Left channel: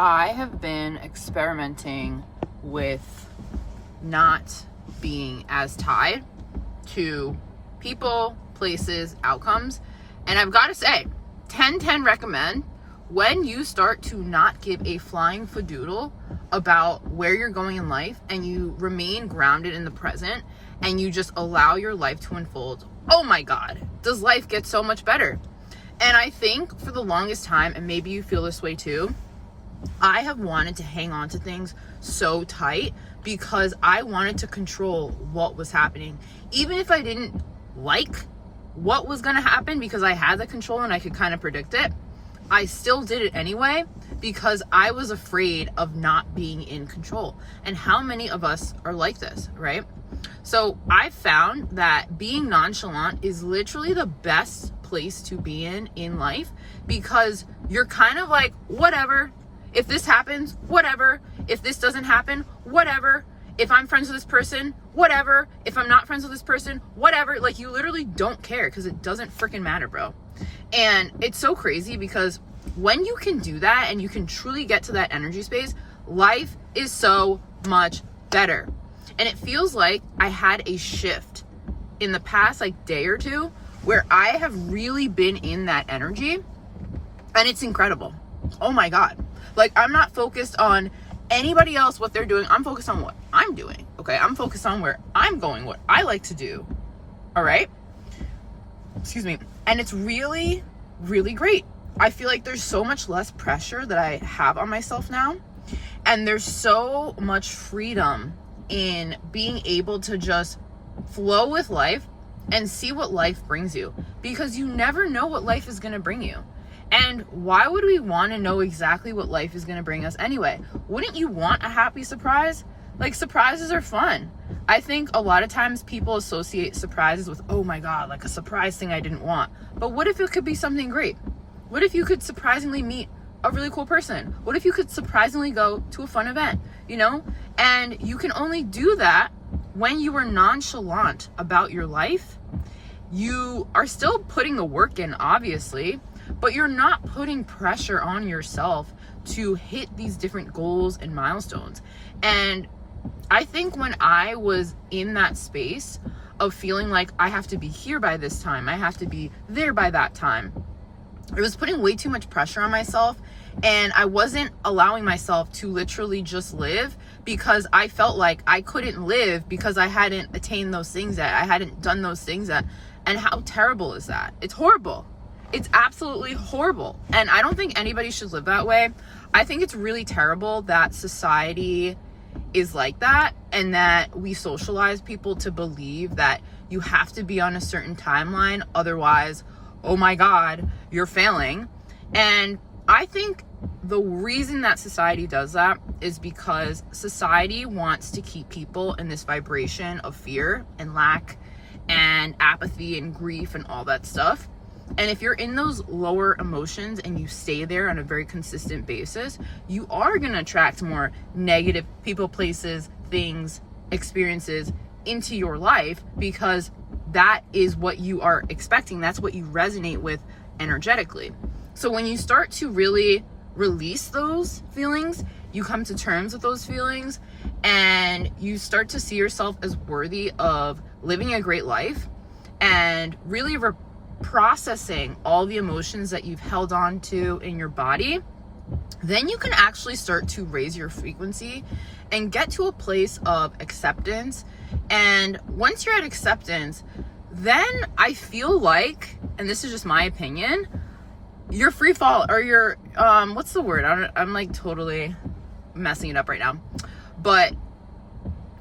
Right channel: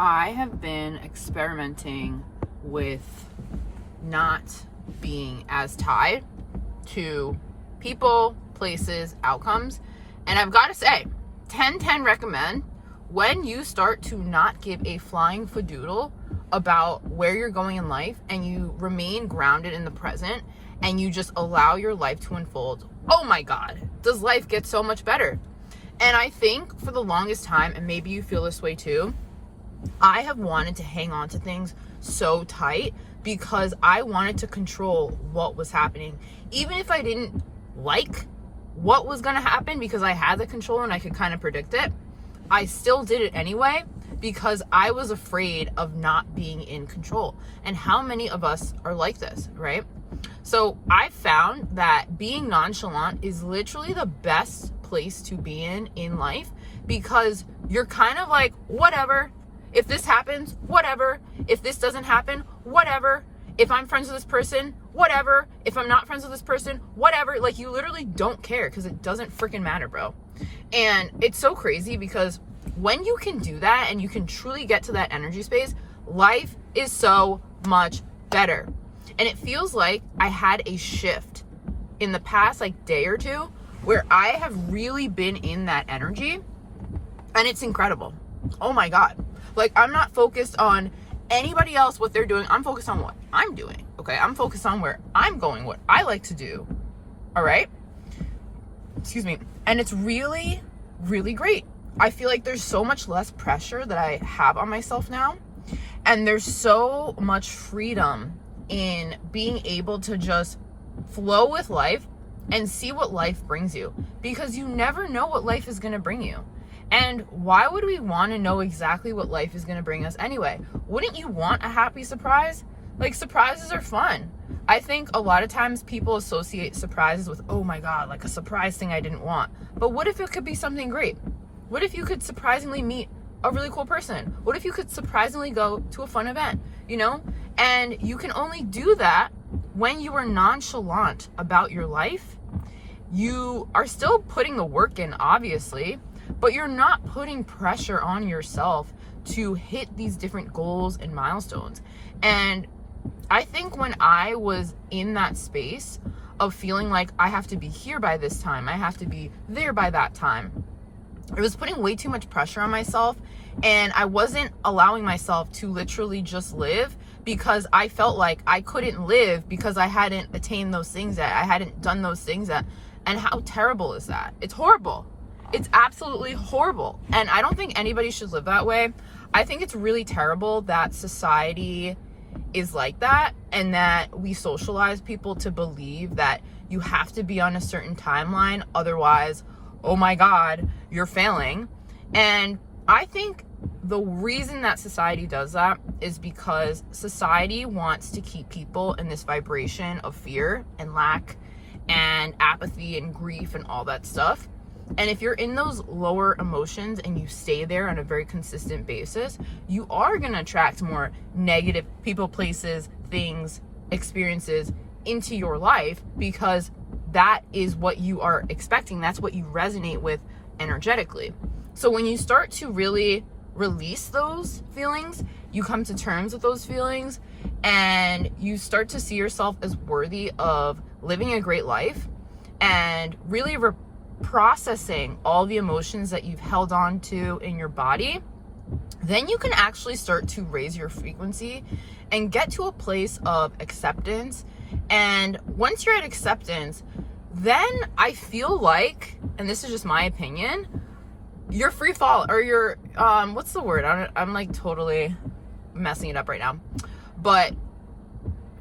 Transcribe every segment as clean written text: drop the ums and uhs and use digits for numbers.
I have been experimenting with not being as tied to people, places, outcomes. And I've got to say, 10/10 recommend when you start to not give a flying fadoodle about where you're going in life and you remain grounded in the present and you just allow your life to unfold. Oh my God, does life get so much better? And I think for the longest time, and maybe you feel this way too, I have wanted to hang on to things so tight because I wanted to control what was happening. Even if I didn't like what was going to happen because I had the control and I could kind of predict it, I still did it anyway because I was afraid of not being in control. And how many of us are like this, right? So I found that being nonchalant is literally the best place to be in life because you're kind of like, whatever. If this happens, whatever. If this doesn't happen, whatever. If I'm friends with this person, whatever. If I'm not friends with this person, whatever. Like, you literally don't care because it doesn't freaking matter, bro. And it's so crazy because when you can do that and you can truly get to that energy space, life is so much better. And it feels like I had a shift in the past day or two where I have really been in that energy, and it's incredible. Oh my God. I'm not focused on anybody else, what they're doing. I'm focused on what I'm doing. Okay. I'm focused on where I'm going, what I like to do. All right. Excuse me. And it's really, really great. I feel like there's so much less pressure that I have on myself now. And there's so much freedom in being able to just flow with life and see what life brings you, because you never know what life is going to bring you. And why would we want to know exactly what life is going to bring us anyway? Wouldn't you want a happy surprise? Surprises are fun. I think a lot of times people associate surprises with, oh my God, a surprise thing I didn't want. But what if it could be something great? What if you could surprisingly meet a really cool person? What if you could surprisingly go to a fun event, And you can only do that when you are nonchalant about your life. You are still putting the work in, obviously, but you're not putting pressure on yourself to hit these different goals and milestones. And I think when I was in that space of feeling like I have to be here by this time, I have to be there by that time, it was putting way too much pressure on myself, and I wasn't allowing myself to literally just live because I felt like I couldn't live because I hadn't attained those things yet. I hadn't done those things yet. And how terrible is that? It's horrible. It's absolutely horrible. And I don't think anybody should live that way. I think it's really terrible that society is like that and that we socialize people to believe that you have to be on a certain timeline. Otherwise, oh my God, you're failing. And I think the reason that society does that is because society wants to keep people in this vibration of fear and lack and apathy and grief and all that stuff. And if you're in those lower emotions and you stay there on a very consistent basis, you are going to attract more negative people, places, things, experiences into your life because that is what you are expecting. That's what you resonate with energetically. So when you start to really release those feelings, you come to terms with those feelings and you start to see yourself as worthy of living a great life and really processing all the emotions that you've held on to in your body, then you can actually start to raise your frequency and get to a place of acceptance. And once you're at acceptance, then I feel like, and this is just my opinion, you're free fall, or you're, what's the word? I'm totally messing it up right now. But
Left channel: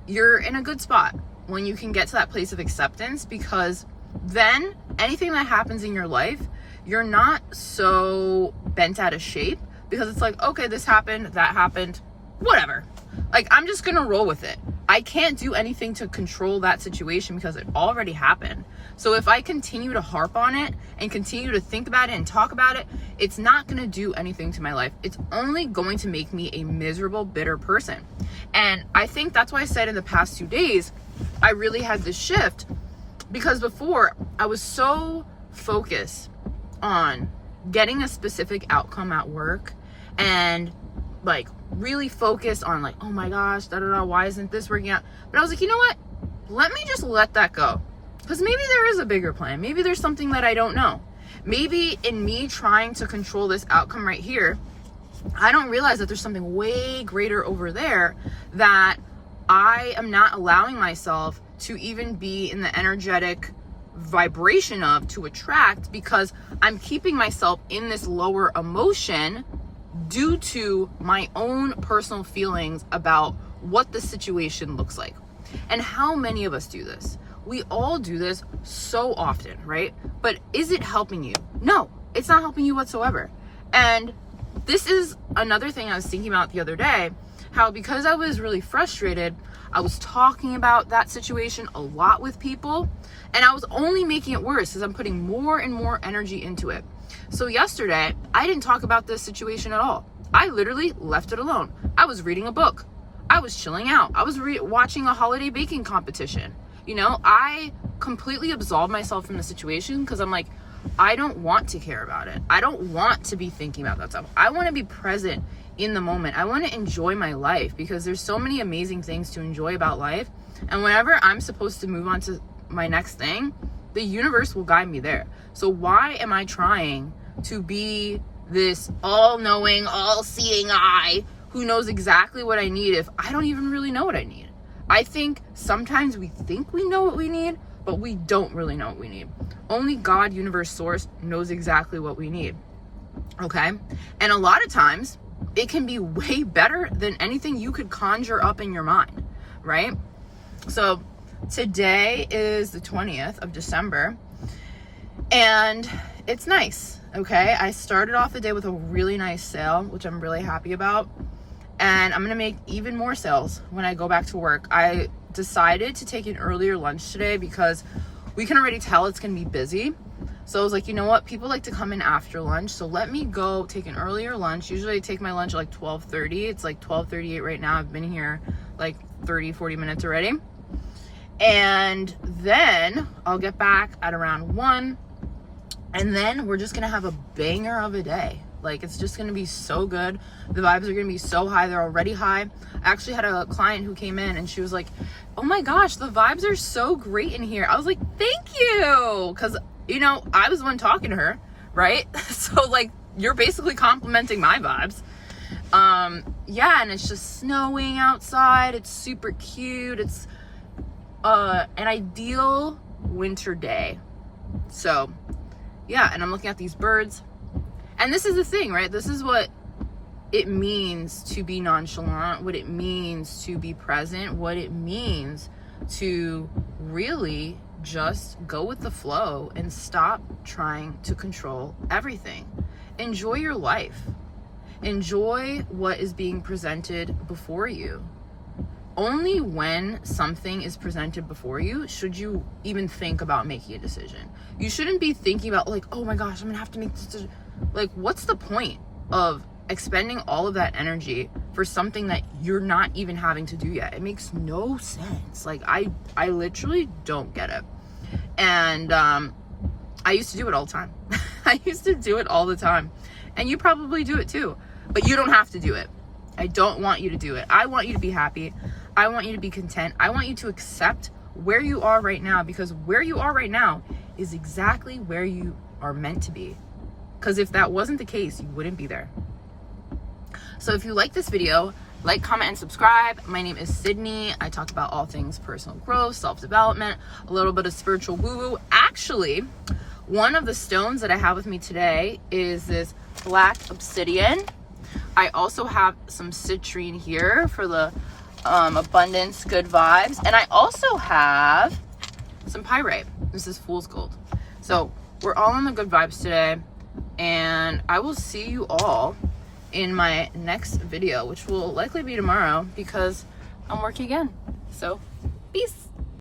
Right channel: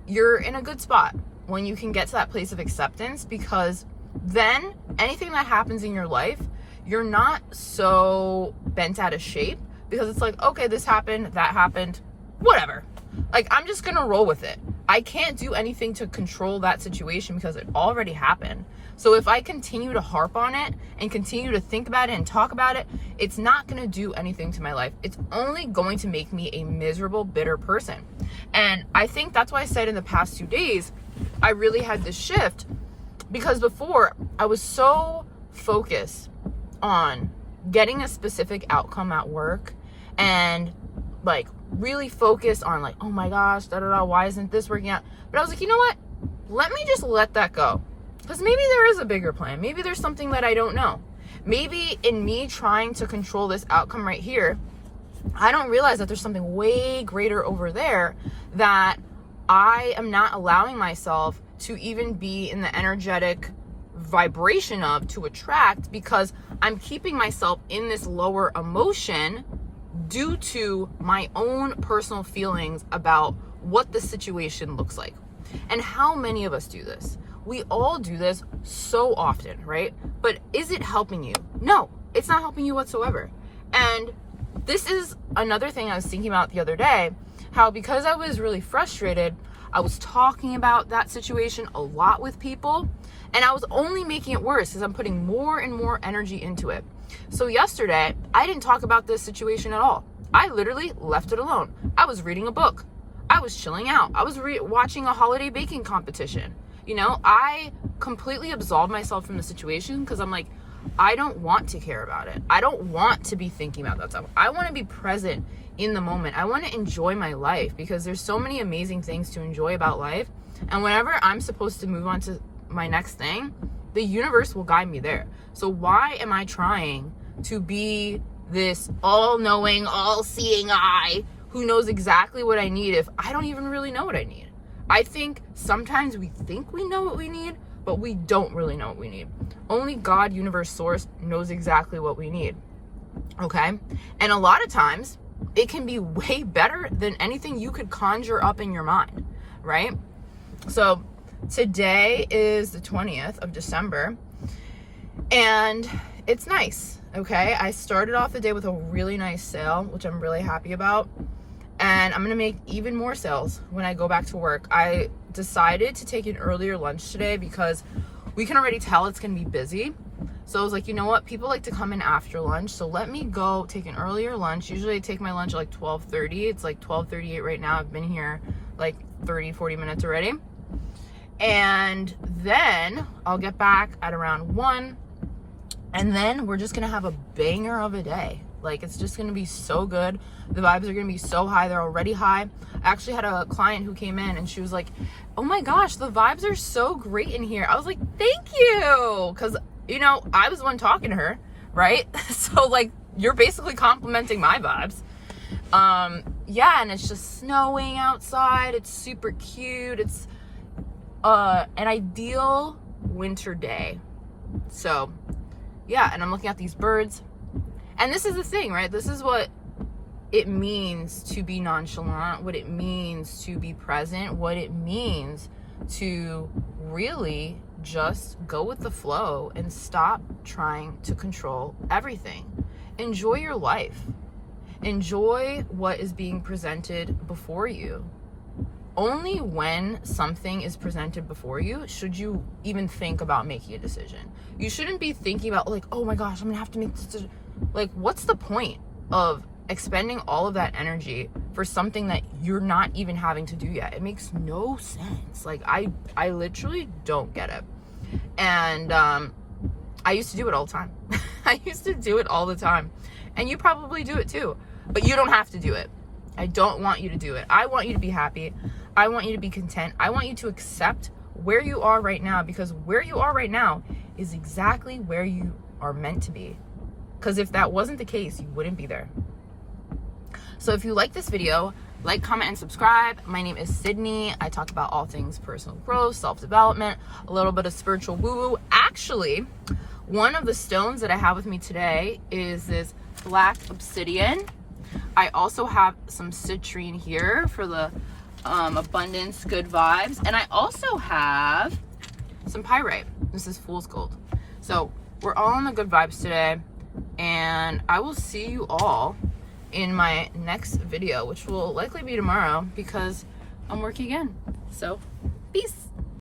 you're in a good spot when you can get to that place of acceptance, because then anything that happens in your life, you're not so bent out of shape because it's okay, this happened, that happened, whatever. I'm just gonna roll with it. I can't do anything to control that situation because it already happened. So if I continue to harp on it and continue to think about it and talk about it, it's not gonna do anything to my life. It's only going to make me a miserable, bitter person. And I think that's why I said in the past 2 days, I really had this shift, because before I was so focused on getting a specific outcome at work and like really focused on like, oh my gosh, why isn't this working out? But I was like, you know what? Let me just let that go. Because maybe there is a bigger plan. Maybe there's something that I don't know. Maybe in me trying to control this outcome right here, I don't realize that there's something way greater over there that I am not allowing myself to even be in the energetic vibration of, to attract, because I'm keeping myself in this lower emotion due to my own personal feelings about what the situation looks like. And how many of us do this? We all do this so often, right? But is it helping you? No, it's not helping you whatsoever. And this is another thing I was thinking about the other day, how because I was really frustrated, I was talking about that situation a lot with people, and I was only making it worse because I'm putting more and more energy into it. So yesterday, I didn't talk about this situation at all. I literally left it alone. I was reading a book. I was chilling out. I was watching a holiday baking competition. You know, I completely absolved myself from the situation because I'm like, I don't want to care about it. I don't want to be thinking about that stuff. I want to be present in the moment. I want to enjoy my life because there's so many amazing things to enjoy about life. And whenever I'm supposed to move on to my next thing, the universe will guide me there. So why am I trying to be this all-knowing, all-seeing eye who knows exactly what I need if I don't even really know what I need? I think sometimes we think we know what we need, but we don't really know what we need. Only God, universe, source knows exactly what we need. Okay? And a lot of times it can be way better than anything you could conjure up in your mind, right? So today is the 20th of December and it's nice. Okay? I started off the day with a really nice sale, which I'm really happy about. And I'm going to make even more sales when I go back to work. I decided to take an earlier lunch today because we can already tell it's going to be busy. So I was like, you know what? People like to come in after lunch. So let me go take an earlier lunch. Usually I take my lunch at like 12:30. It's like 12:38 right now. I've been here like 40 minutes already. And then I'll get back at around 1. And then we're just going to have a banger of a day. Like, it's just going to be so good. The vibes are going to be so high. They're already high. I actually had a client who came in and she was like, oh my gosh, the vibes are so great in here. I was like, thank you. Because, you know, I was the one talking to her, right? So, like, you're basically complimenting my vibes. Yeah, and it's just snowing outside. It's super cute. It's an ideal winter day. So, yeah, and I'm looking at these birds. And this is the thing, right? This is what it means to be nonchalant, what it means to be present, what it means to really just go with the flow and stop trying to control everything. Enjoy your life. Enjoy what is being presented before you. Only when something is presented before you should you even think about making a decision. You shouldn't be thinking about like, oh my gosh, I'm gonna have to make this decision. Like, what's the point of expending all of that energy for something that you're not even having to do yet? It makes no sense. Like, I literally don't get it. And I used to do it all the time. I used to do it all the time. And you probably do it too. But you don't have to do it. I don't want you to do it. I want you to be happy. I want you to be content. I want you to accept where you are right now, because where you are right now is exactly where you are meant to be. Because if that wasn't the case, you wouldn't be there. So if you like this video, like, comment, and subscribe. My name is Sydney. I talk about all things personal growth, self-development, a little bit of spiritual woo-woo. Actually, one of the stones that I have with me today is this black obsidian. I also have some citrine here for the abundance, good vibes. And I also have some pyrite. This is fool's gold. So we're all on the good vibes today. And I will see you all in my next video, which will likely be tomorrow because I'm working again. So, peace.